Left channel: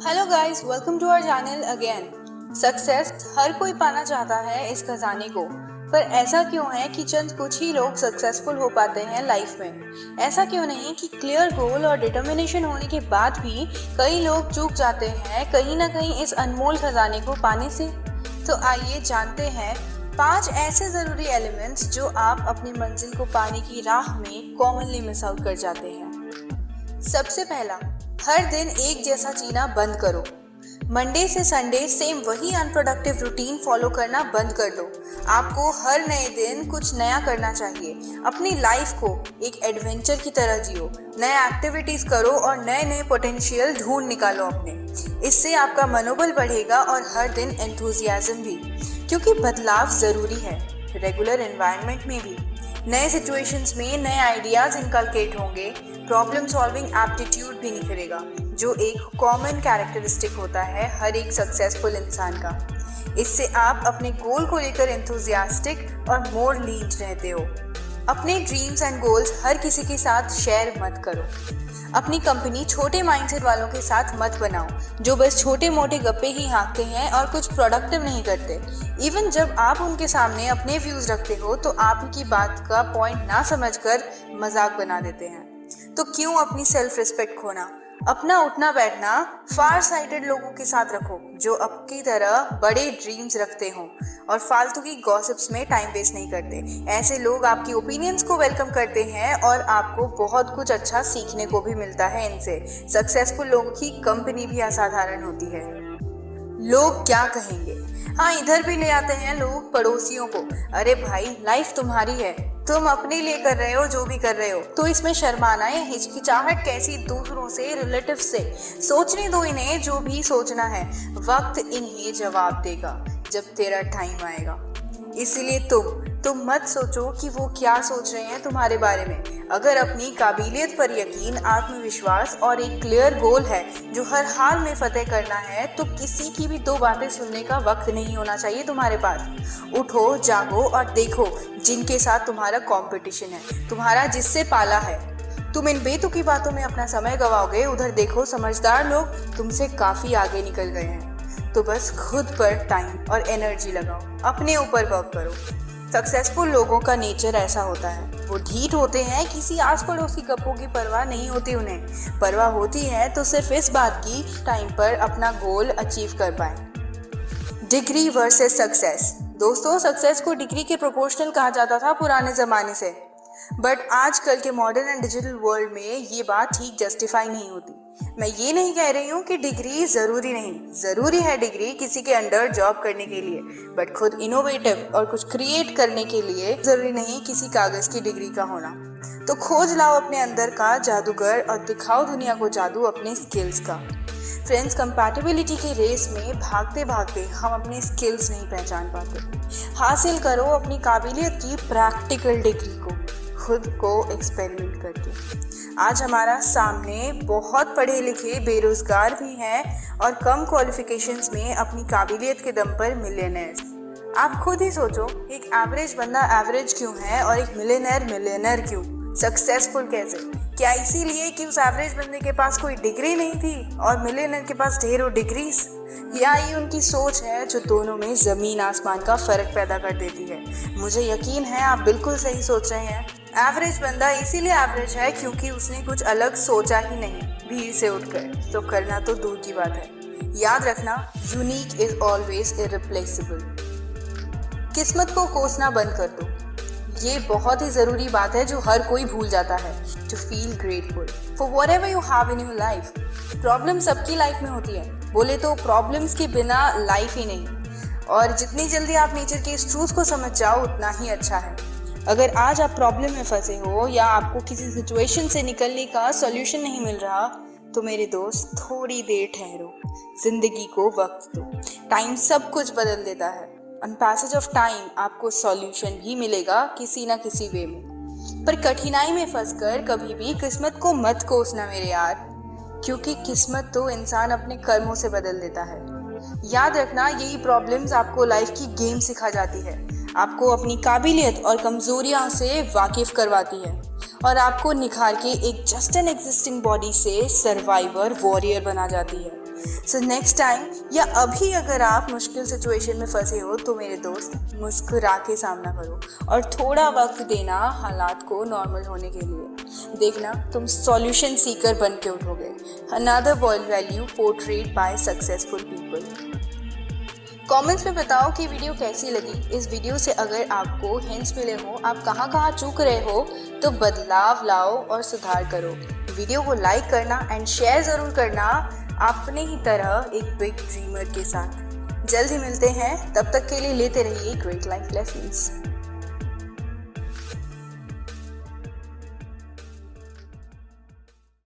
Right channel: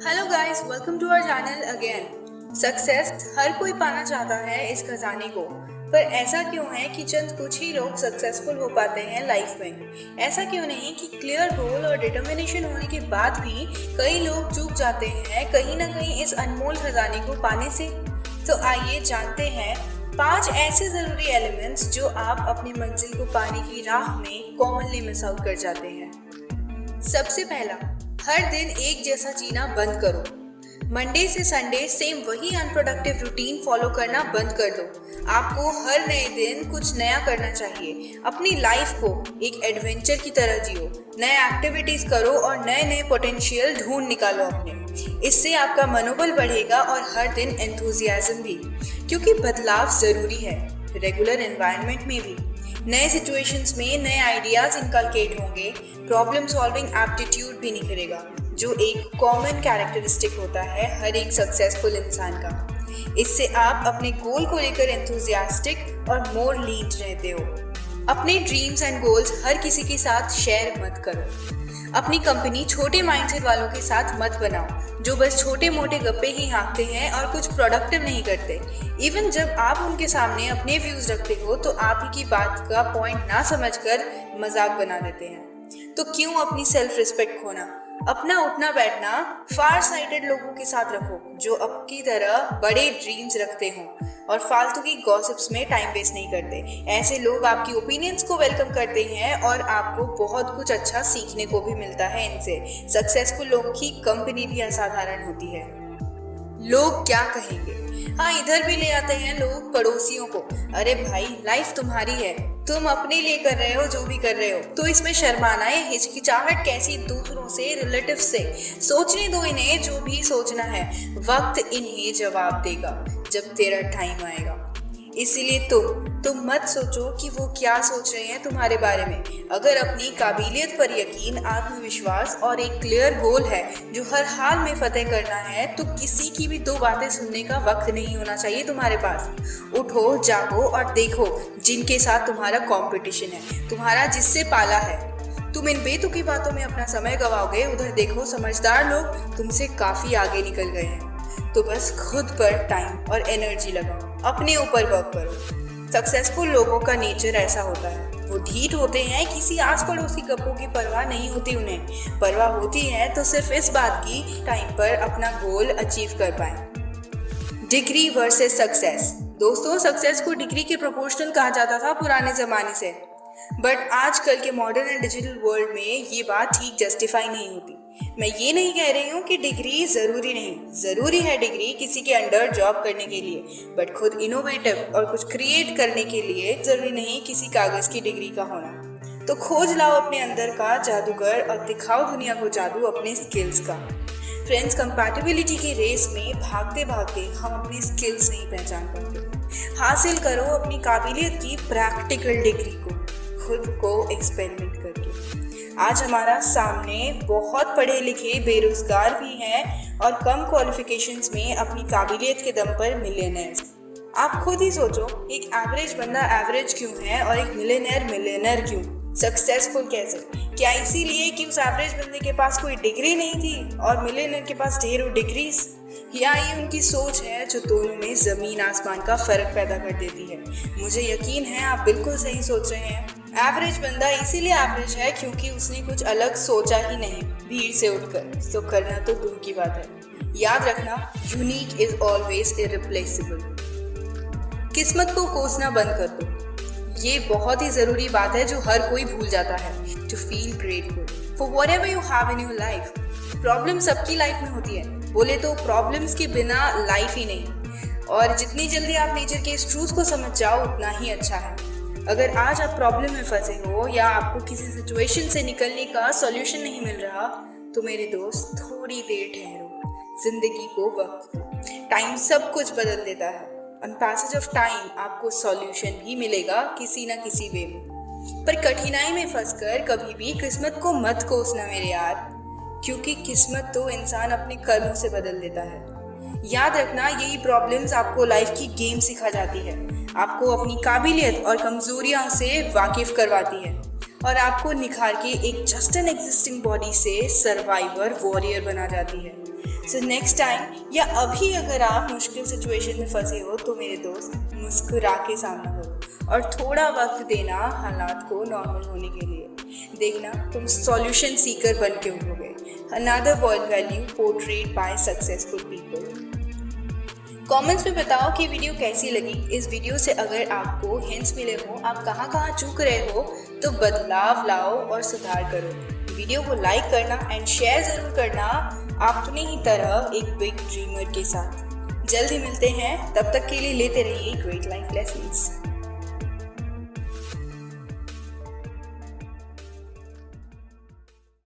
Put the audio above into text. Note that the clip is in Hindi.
Hello guys, welcome to our channel again. Success हर कोई पाना चाहता है इस खजाने को, पर ऐसा क्यों है कि चंद कुछ ही लोग सक्सेसफुल हो पाते हैं लाइफ में। ऐसा क्यों नहीं कि क्लियर गोल और डिटर्मिनेशन होने के बाद भी कई लोग चूक जाते हैं कहीं ना कहीं इस अनमोल खजाने को पाने से। तो आइए जानते हैं 5 ऐसे जरूरी एलिमेंट्स जो आप अपनी मंजिल को पाने की राह में कॉमनली मिस आउट कर जाते हैं। सबसे पहला, हर दिन एक जैसा जीना बंद करो। मंडे से संडे सेम वही अनप्रोडक्टिव रूटीन फॉलो करना बंद कर दो। आपको हर नए दिन कुछ नया करना चाहिए। अपनी लाइफ को एक एडवेंचर की तरह जियो, नए एक्टिविटीज करो और नए नए पोटेंशियल ढूंढ निकालो अपने। इससे आपका मनोबल बढ़ेगा और हर दिन एंथुजियाज्म भी, क्योंकि बदलाव जरूरी है। रेगुलर एनवायरनमेंट में भी नए सिचुएशंस में नए आइडियाज इनकलकेट होंगे, प्रॉब्लम सॉल्विंग एप्टीट्यूड भी निखरेगा, जो एक कॉमन कैरेक्टरिस्टिक होता है हर एक सक्सेसफुल इंसान का। इससे आप अपने गोल को लेकर एंथुजियास्टिक और मोर लीड रहते हो। अपने ड्रीम्स एंड गोल्स हर किसी के साथ शेयर मत करो। अपनी कंपनी छोटे माइंडसेट वालों के साथ मत बनाओ, जो बस छोटे मोटे गप्पे ही हाँकते हैं और कुछ प्रोडक्टिव नहीं करते। इवन जब आप उनके सामने अपने व्यूज रखते हो तो आप ही की बात का पॉइंट ना समझकर मजाक बना देते हैं। तो क्यों अपनी सेल्फ रिस्पेक्ट खोना? अपना उठना बैठना फार साइटेड लोगों के साथ रखो, जो आपकी तरह बड़े ड्रीम्स रखते हों और फालतू की गॉसिप्स में टाइम वेस्ट नहीं करते। ऐसे लोग आपकी ओपिनियंस को वेलकम करते हैं और आपको बहुत कुछ अच्छा सीखने को भी मिलता है इनसे। सक्सेसफुल लोगों की कंपनी भी असाधारण होती है। लोग क्या कहेंगे? हाँ, इधर भी ले आते हैं लोग पड़ोसियों को। अरे भाई, लाइफ तुम्हारी है, तुम अपने लिए कर रहे हो जो भी कर रहे हो, तो इसमें शर्माना है, हिचकिचाहट कैसी दूसरों से, रिलेटिव से? सोचने दो इन्हें जो भी सोचना है, वक्त इन्हें जवाब देगा जब तेरा टाइम आएगा। इसीलिए तुम मत सोचो कि वो क्या सोच रहे हैं तुम्हारे बारे में। अगर अपनी काबिलियत पर यकीन, आत्मविश्वास और एक क्लियर गोल है जो हर हाल में फतेह करना है, तो किसी की भी दो बातें सुनने का वक्त नहीं होना चाहिए तुम्हारे पास। उठो, जागो और देखो जिनके साथ तुम्हारा कंपटीशन है, तुम्हारा जिससे पाला है। तुम इन बेतुकी बातों में अपना समय गवाओगे, उधर देखो समझदार लोग तुमसे काफी आगे निकल गए हैं। तो बस खुद पर टाइम और एनर्जी लगाओ, अपने ऊपर वर्क करो। सक्सेसफुल लोगों का नेचर ऐसा होता है, वो ढीठ होते हैं, किसी आस पड़ोस की गप्पों की परवाह नहीं होती उन्हें। परवाह होती है तो सिर्फ इस बात की टाइम पर अपना गोल अचीव कर पाए। Degree versus success. दोस्तों, सक्सेस को डिग्री के प्रोपोर्शनल कहा जाता था पुराने ज़माने से, बट आजकल के मॉडर्न एंड डिजिटल वर्ल्ड में ये बात ठीक जस्टिफाई नहीं होती। मैं ये नहीं कह रही हूँ कि डिग्री ज़रूरी नहीं, ज़रूरी है डिग्री किसी के अंडर जॉब करने के लिए, बट खुद इनोवेटिव और कुछ क्रिएट करने के लिए ज़रूरी नहीं किसी कागज़ की डिग्री का होना। तो खोज लाओ अपने अंदर का जादूगर और दिखाओ दुनिया को जादू अपने स्किल्स का। फ्रेंड्स, कंपैटिबिलिटी के रेस में भागते भागते हम अपने स्किल्स नहीं पहचान पाते। हासिल करो अपनी काबिलियत की प्रैक्टिकल डिग्री को, खुद को एक्सपेरिमेंट करके। आज हमारा सामने बहुत पढ़े लिखे बेरोजगार भी हैं और कम क्वालिफिकेशंस में अपनी काबिलियत के दम पर मिलियनेयर्स। आप खुद ही सोचो, एक एवरेज बंदा एवरेज क्यों है और एक मिलियनर क्यों? सक्सेसफुल कैसे? क्या इसीलिए कि उस एवरेज बंदे के पास कोई डिग्री नहीं थी और मिलियनर के पास ढेरों डिग्रीज? या ये उनकी सोच है जो दोनों में ज़मीन आसमान का फ़र्क पैदा कर देती है? मुझे यकीन है आप बिल्कुल सही सोच रहे हैं। एवरेज बंदा इसीलिए एवरेज है क्योंकि उसने कुछ अलग सोचा ही नहीं भीड़ से उठकर, तो करना तो दूर की बात है। याद रखना, यूनिक इज ऑलवेज इरिप्लेसेबल। किस्मत को कोसना बंद कर दो। ये बहुत ही ज़रूरी बात है जो हर कोई भूल जाता है। To feel grateful for whatever you have in your life. Problem सबकी लाइफ में होती है, बोले तो प्रॉब्लम्स के बिना लाइफ ही नहीं। और जितनी जल्दी आप नेचर के इस ट्रूथ को समझ जाओ उतना ही अच्छा है। अगर आज आप प्रॉब्लम में फंसे हो या आपको किसी सिचुएशन से निकलने का सॉल्यूशन नहीं मिल रहा, तो मेरे दोस्त थोड़ी देर ठहरो, जिंदगी को वक्त दो। टाइम सब कुछ बदल देता है। ऑन पैसेज ऑफ टाइम आपको सॉल्यूशन भी मिलेगा किसी ना किसी वे में। पर कठिनाई में फंसकर कभी भी किस्मत को मत कोसना मेरे यार, क्योंकि किस्मत तो इंसान अपने कर्मों से बदल देता है। याद रखना, यही प्रॉब्लम्स आपको लाइफ की गेम सिखा जाती है, आपको अपनी काबिलियत और कमजोरियां से वाकिफ करवाती है और आपको निखार के एक जस्ट एन एग्जिस्टिंग बॉडी से सर्वाइवर वॉरियर बना जाती है। सो नेक्स्ट टाइम या अभी अगर आप मुश्किल सिचुएशन में फंसे हो तो मेरे दोस्त मुस्कुरा के सामना करो और थोड़ा वक्त देना हालात को नॉर्मल होने के लिए। देखना तुम सॉल्यूशन सीकर बन के उठोगे। Another world value portrait by successful people. Comments में बताओ कि वीडियो कैसी लगी। इस वीडियो से अगर आपको हिंट्स मिले हो, आप कहाँ चूक रहे हो, तो बदलाव लाओ और सुधार करो। वीडियो को लाइक करना एंड शेयर ज़रूर करना अपने ही तरह एक बिग ड्रीमर के साथ। जल्द ही मिलते हैं, तब तक के लिए लेते रहिए ग्रेट लाइफ लेसन्स।